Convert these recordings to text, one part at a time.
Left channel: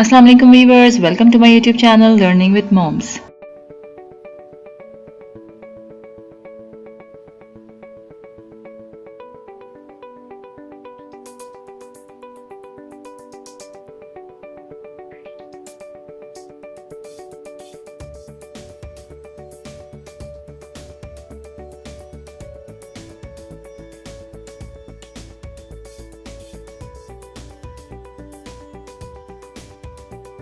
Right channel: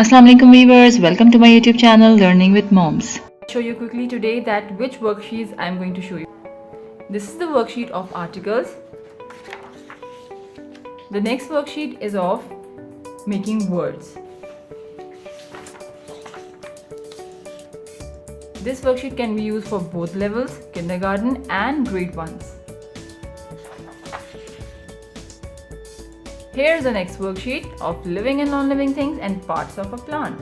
Assalamu alaikum viewers, welcome to my YouTube channel Learning with Moms. Show you quickly today that which worksheets I am going to show you. This is the worksheet of articles. The next worksheet is of making words. This worksheet can be used for both levels, kindergarten and grade 1s. Here is the next worksheet of living and non-living things and parts of a plant.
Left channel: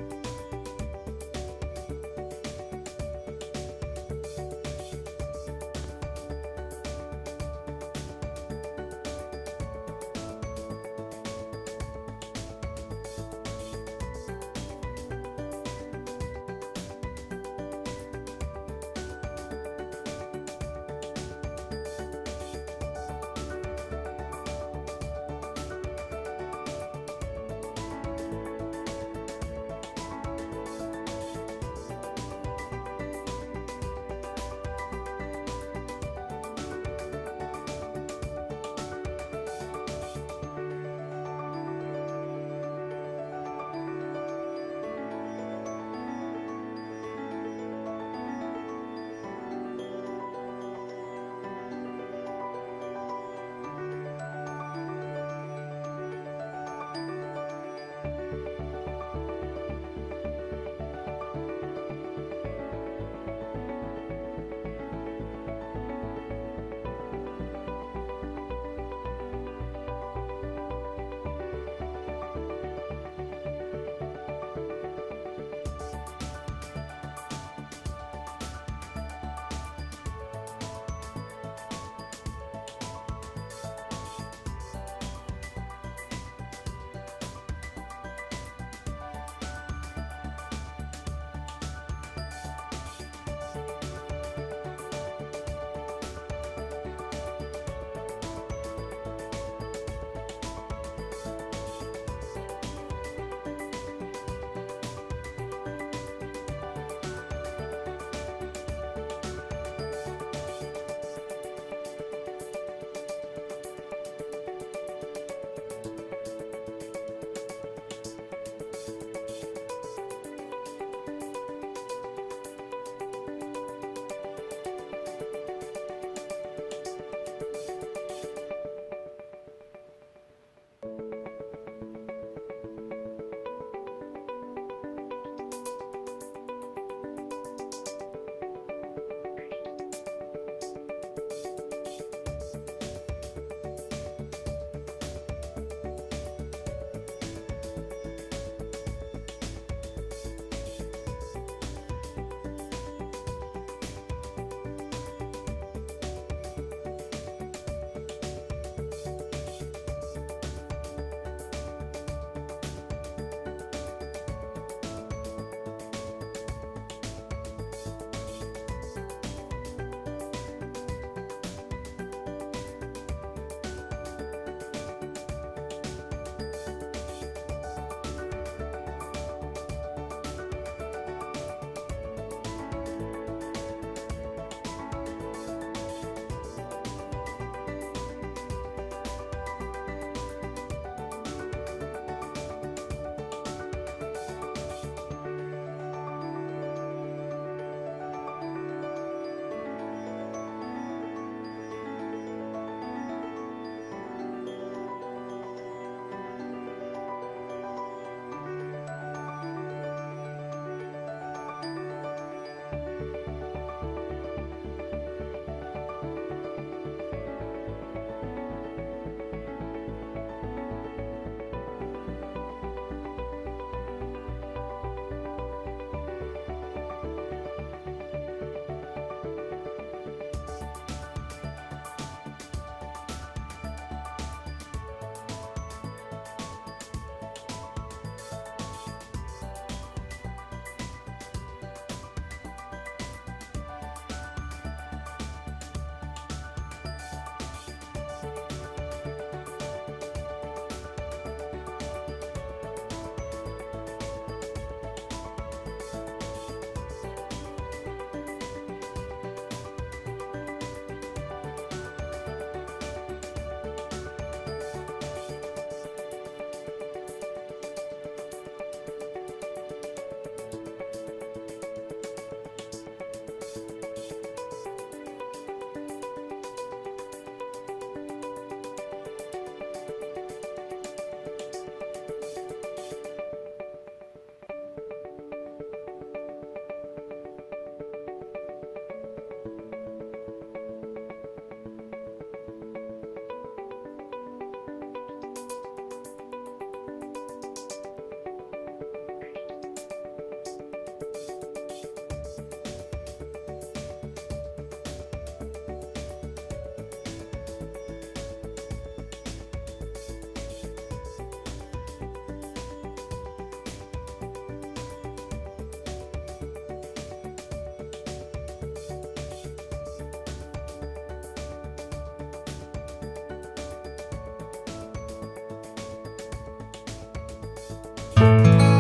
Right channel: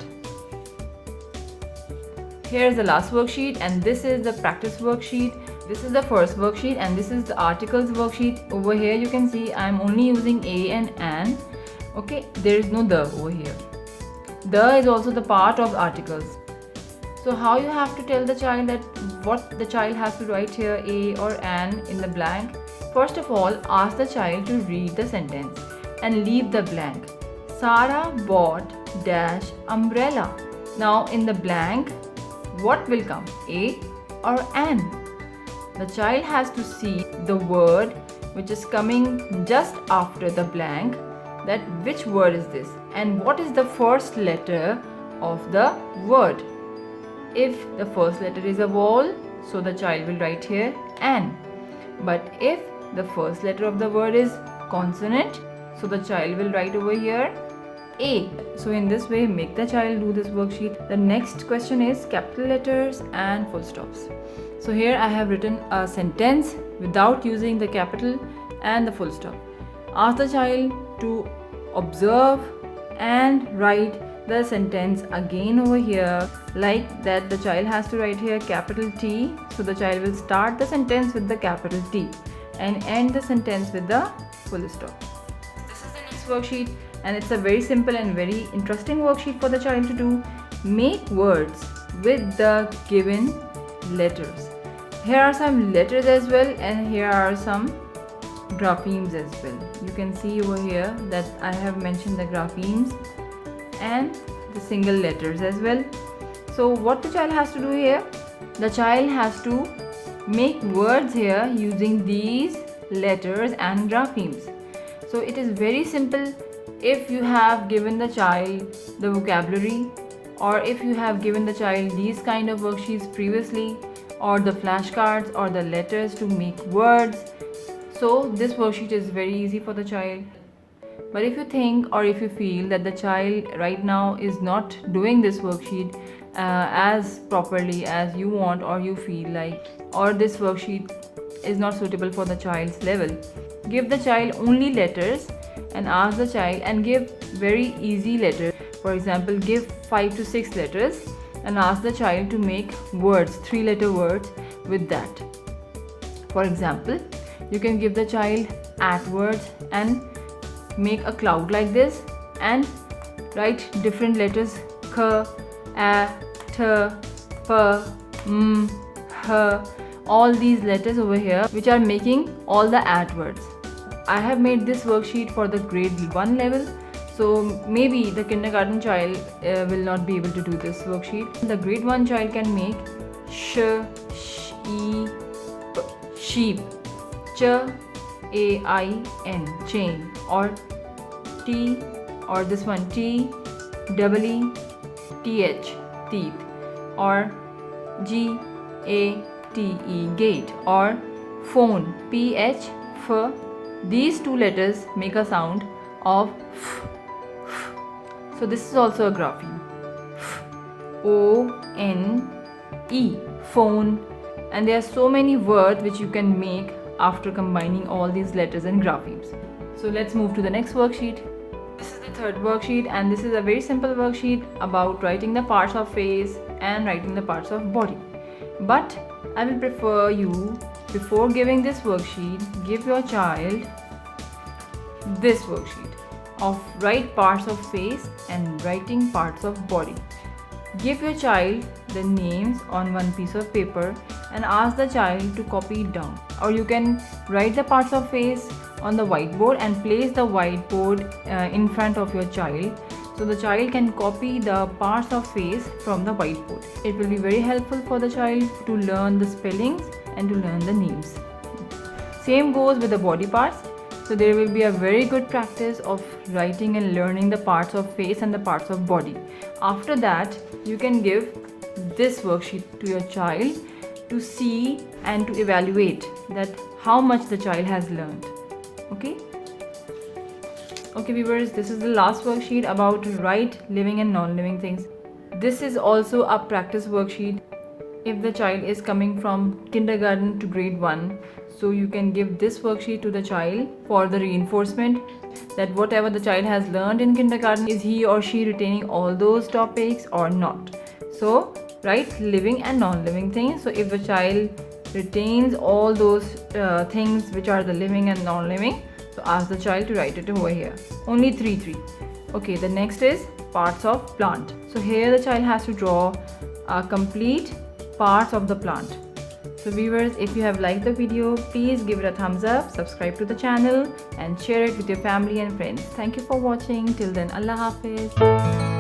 Here is the last worksheet and this is the practice worksheet. This is the first worksheet and this is the articles worksheet. Over here you can see I am only using a and an. Okay, there is no the over here. The is also the part of articles. So how you have to tell the child that what the child has to write here, a or an in the blank? First of all, ask the child to read the sentence and leave the blank. Sara bought dash umbrella. Now in the blank, what will come, a or an? The child has to see the word which is coming just after the blank, that which word is this and what is the first letter of the word. If the first letter is a vowel, so the child will write here an. But if the first letter of the word is consonant, so the child will write over here a. So in this way, make the child do this worksheet. The next question is capital letters and full stops. So here I have written a sentence without using the capital and the full stop. Ask the child to observe and write the sentence again over here, like that the child has to write here capital T. So the child will start the sentence with the capital T and end the sentence with the full stop. This is the next worksheet and it's a very simple and very interesting worksheet for the child to do. Make words with the given letters. Here are some letters as well and here are some graphemes as well. You can see over here that I have mentioned the graphemes and the single letters as well. So what the child has to do here? The child has to make words here using these letters and graphemes. So it is very simple. If you have given the child the vocabulary, or if you have given the child these kind of worksheets previously, or the flashcards or the letters to make words, so this worksheet is very easy for the child. But if you think or if you feel that the child right now is not doing this worksheet as properly as you want or you feel like, or this worksheet is not suitable for the child's level, give the child only letters and ask the child and give very easy letters. For example, give 5 to 6 letters and ask the child to make words, 3-letter words with that. For example, you can give the child at words and make a cloud like this and write different letters k, a, t, p, m, h, all these letters over here which are making all the at words. I have made this worksheet for the grade 1 level, so maybe the kindergarten child will not be able to do this worksheet. The grade 1 child can make sh, she, sheep, ch, a, I, n, chain, or t, or this one t, double e, th, teeth, or g, a, t, e, gate, or phone, ph, f. These two letters make a sound of f, f. So this is also a grapheme. F, o, n, e, phone. And there are so many words which you can make after combining all these letters and graphemes. So let's move to the next worksheet. This is the third worksheet and this is a very simple worksheet about writing the parts of face and writing the parts of body. But I will prefer you, before giving this worksheet, give your child this worksheet of write parts of face and writing parts of body. Give your child the names on one piece of paper and ask the child to copy it down. Or you can write the parts of face on the whiteboard and place the whiteboard in front of your child, so the child can copy the parts of face from the whiteboard. It will be very helpful for the child to learn the spellings and to learn the names. Same goes with the body parts. So there will be a very good practice of writing and learning the parts of face and the parts of body. After that, you can give this worksheet to your child to see and to evaluate that how much the child has learned. Okay. Okay viewers, this is the last worksheet about right, living and non-living things. This is also a practice worksheet if the child is coming from kindergarten to grade 1. So you can give this worksheet to the child for the reinforcement that whatever the child has learned in kindergarten, is he or she retaining all those topics or not. So right, living and non-living things. So if the child retains all those things which are the living and non-living, so ask the child to write it over here. Only 3. Okay, the next is parts of plant. So here the child has to draw complete parts of the plant. So viewers, if you have liked the video, please give it a thumbs up, subscribe to the channel and share it with your family and friends. Thank you for watching. Till then, Allah Hafiz.